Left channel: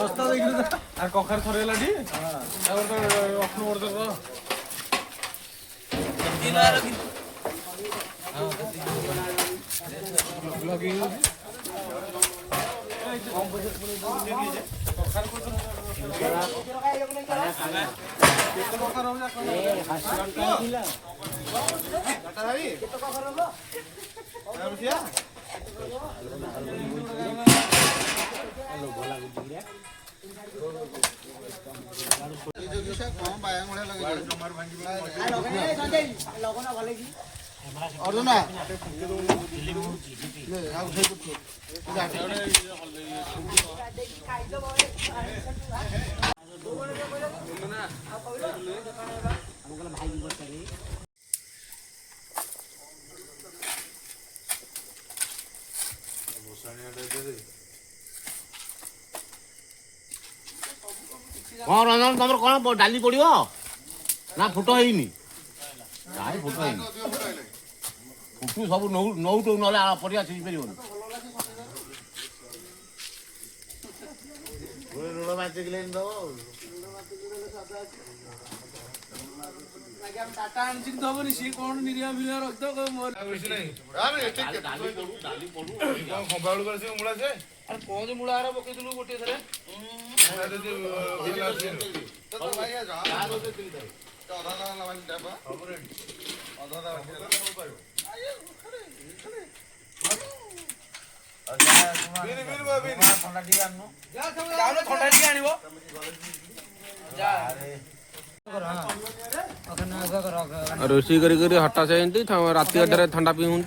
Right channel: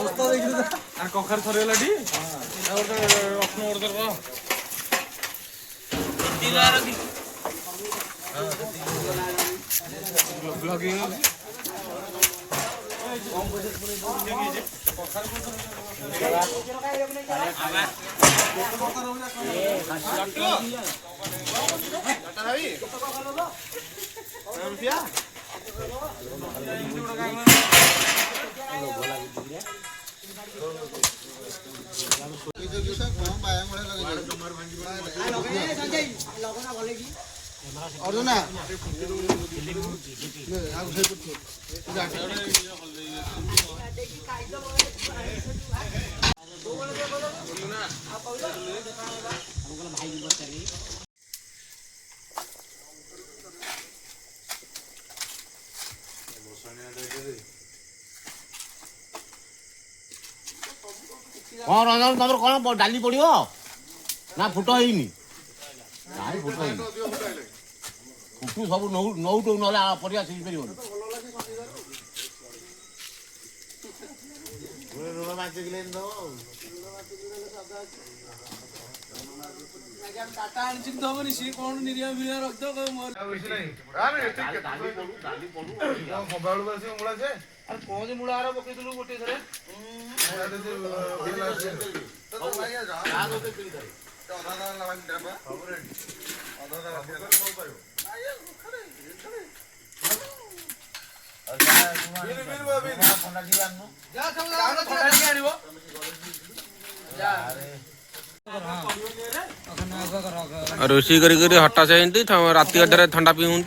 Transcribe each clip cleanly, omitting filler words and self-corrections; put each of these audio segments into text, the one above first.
ଶସ୍ତା ଦେଖିଲୁ ଆ କଖାରୁ ଥରିଗଲା ଟି ରସୁଣ ଗୋଟେ कौन रंजन तुम कौन डाली पड़ो ना फुट है फुट है फुटू सब नौ तो ना परिया सीझ पार हबनी सी कौन निरिया फिरिया रखद मूला से कौन मूला पकईलु गोटे थे रोषे कर हटा से राति अधर ठंडा पी हूँ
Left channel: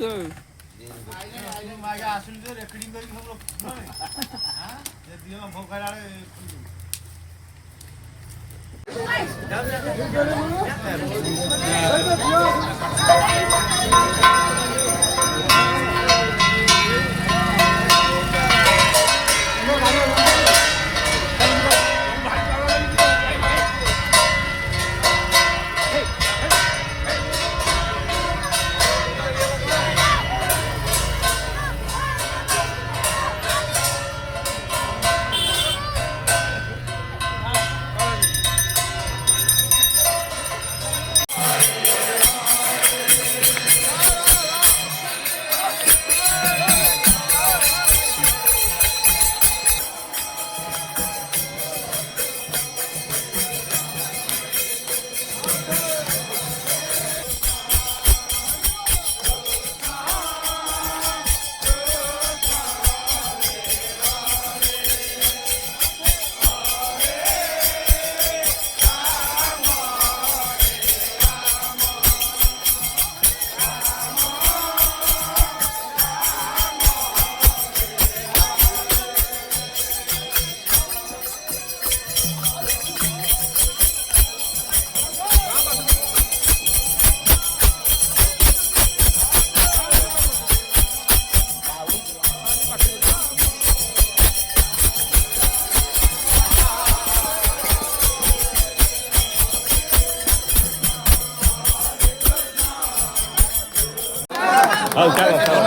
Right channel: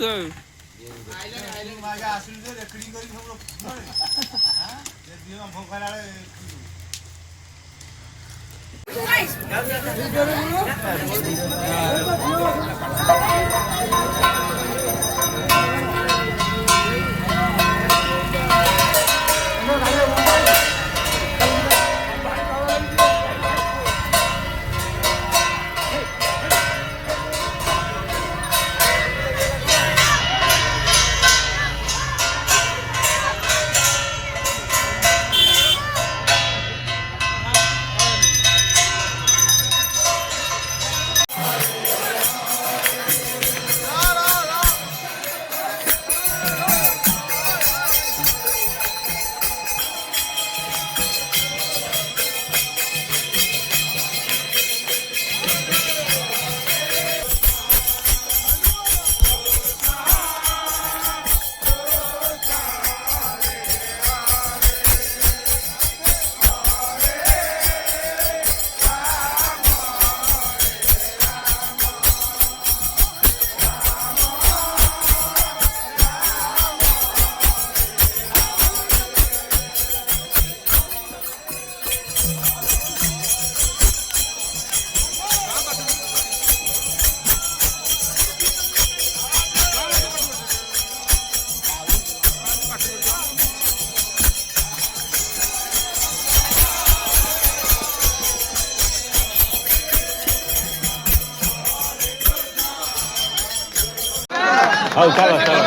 ହଉ ଚାଲ ଚାଲ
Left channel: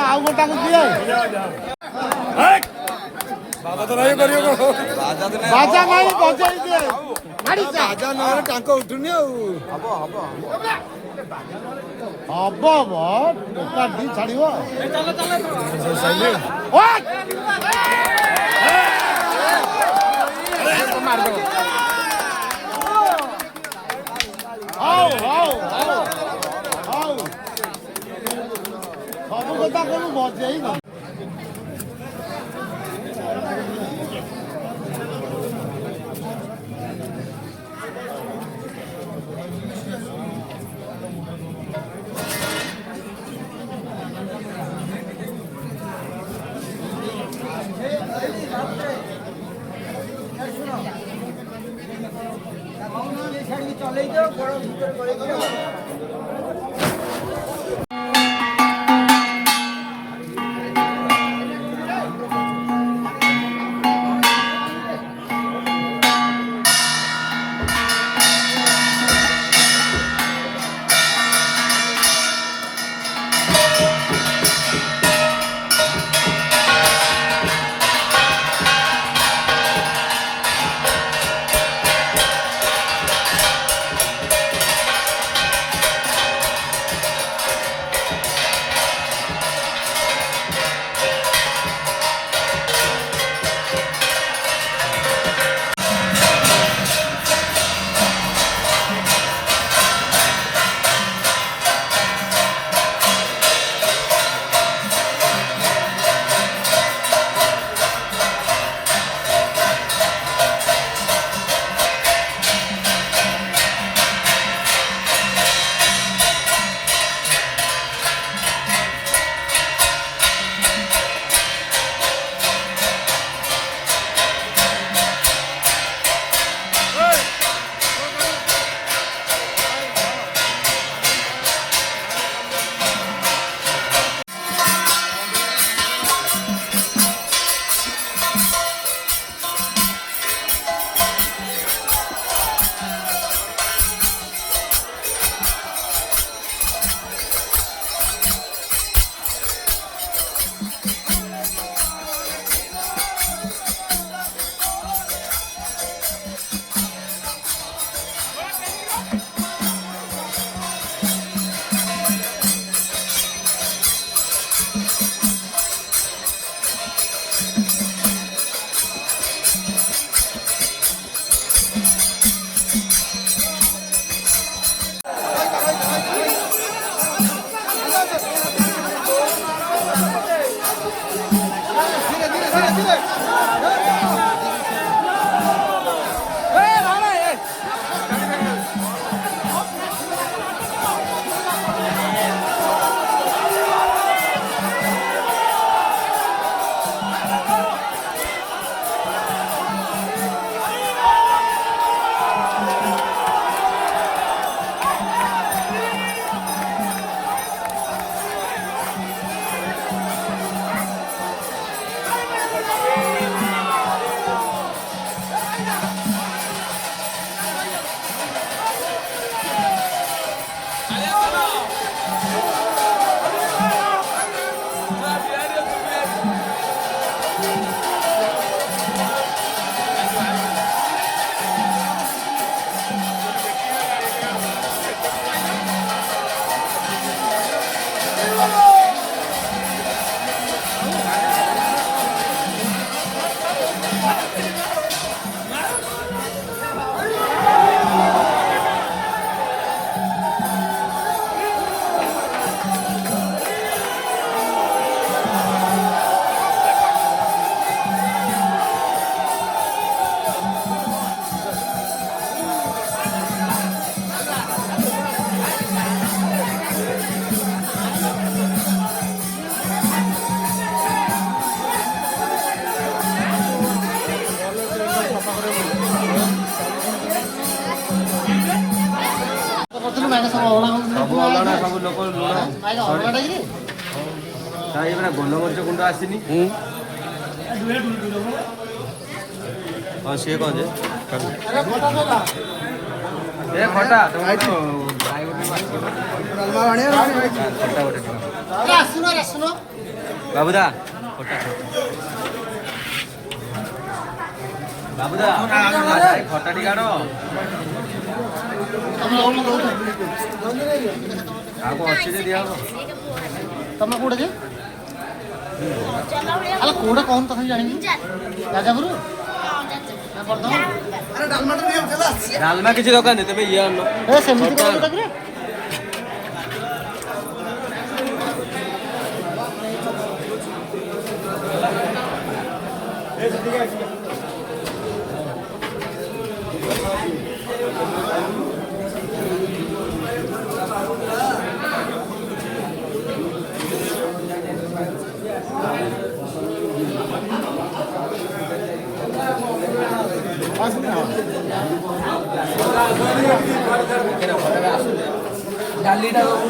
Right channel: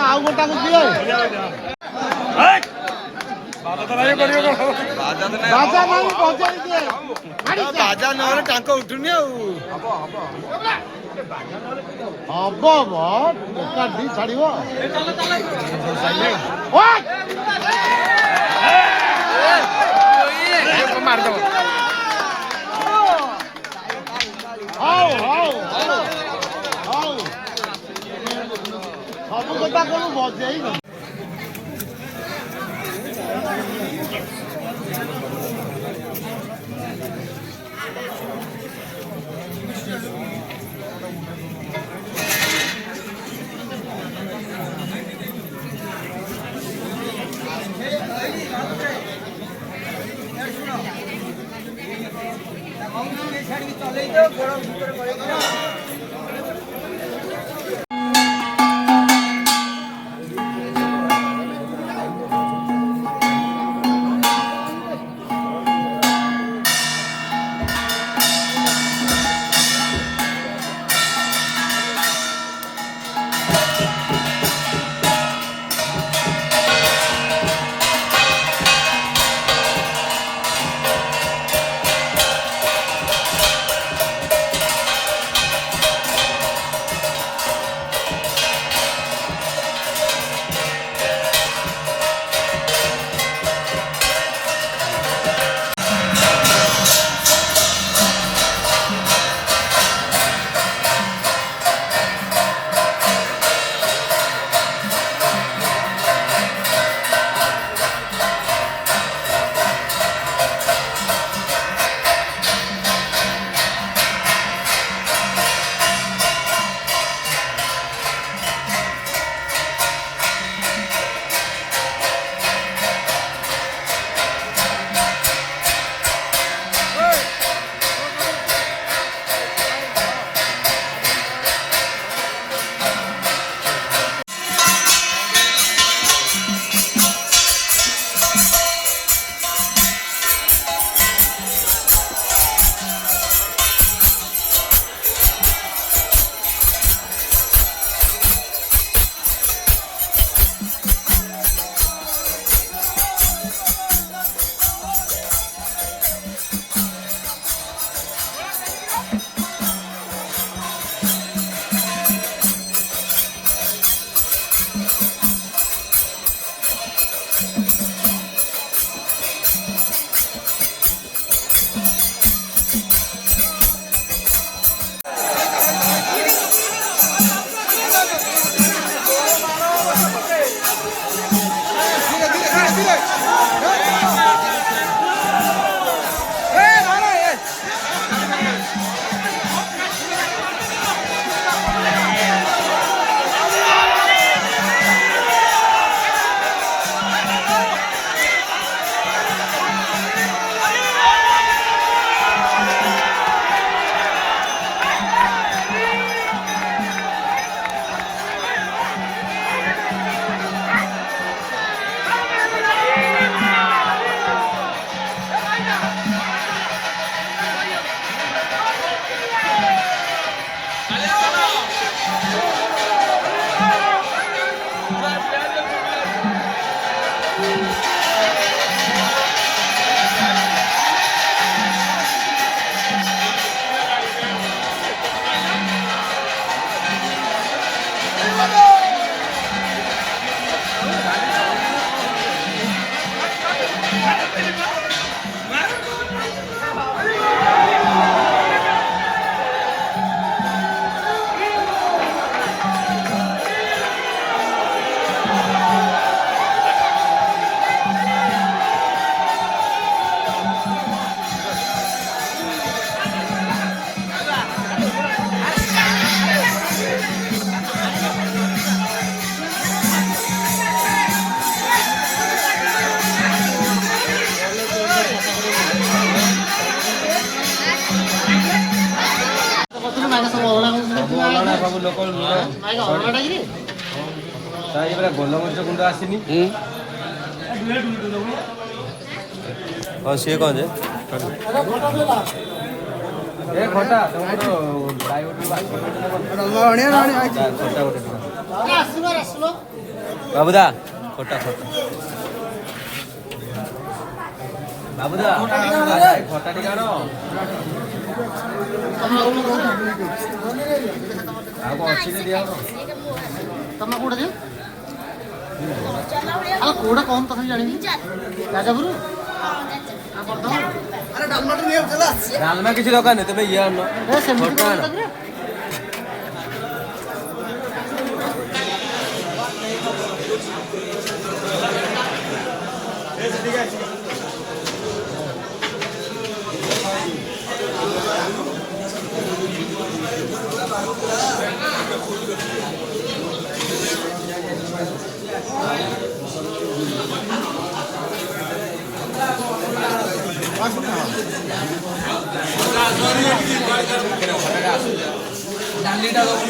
ଆଉ ଗୋଟାକୁ ଦିଏ ବାଜା ନାହିଁ ବଜେଇ ଦିଏ ବାଜା ନହେଲେ ଟାଙ୍କ ଉଠୁନି ଆଉ ହବ ଏକାଠି ଛାଡ଼ିବ ମାରିଦବ ହଉ ହଉ ହଉ ହଉ ସବୁ କଥା କଣ ବଜେଇ ସବୁ ଅଲଣା ସବୁ ଲୋକ ପୁରା ଗୋଲମରିଚ ଗୁଣ୍ଡ ଆସିନି। ହଁ ସିଏ କଣ ଯେ ଏ ଖଟା ବାବୁଦା ଖଟା ବାବୁଦା ଖଟା ଟିକେ ଆଣ। ଆଉ କଣ ଅଛି ଯେ ଦିଆ ହବ ତମେ କୋଉଟା ଦିଅ କୋଉଟା କଣ ତଥାପି ଜାଣିବି ରାଜାପୁର ଡାଲମା କିଛି ଦରକାର ନାହିଁ ତେବେ ଇଏ ଆଣ ସେମିତି ଡାଲିଟା ଦବୁ